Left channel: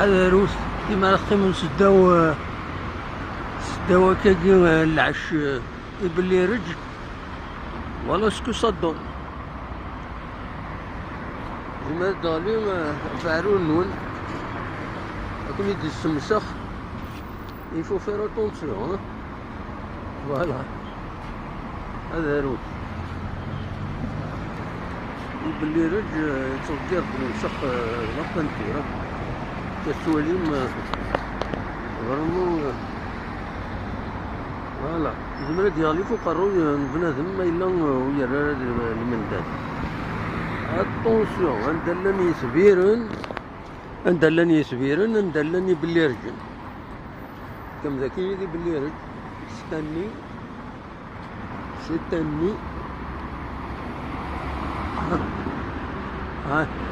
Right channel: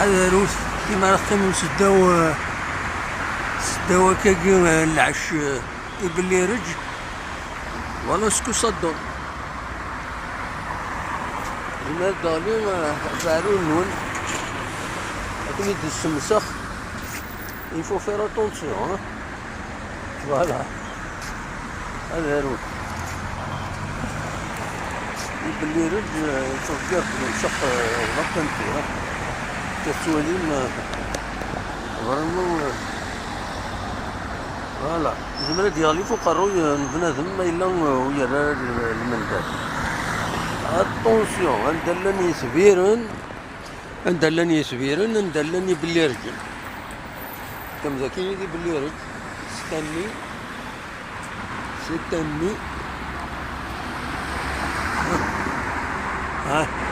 حذروس كيما راكم سداو كاكي العش يبلي رج ولا سكو صدون زمر دالي فارو النون لكن يدي السمسخ il faut faire attention hein. Voilà هذا روت يبلي رج تغير بالمسخ غطا نتيرا كالسواليم فريمون فوالا زمرا ديالي فوق الروي بنادم ما إلا ويرى المندات اتونسيون ندلني سبيرن ندلني بلي رجل كم ذاكي يدي بلي رجل ستني ها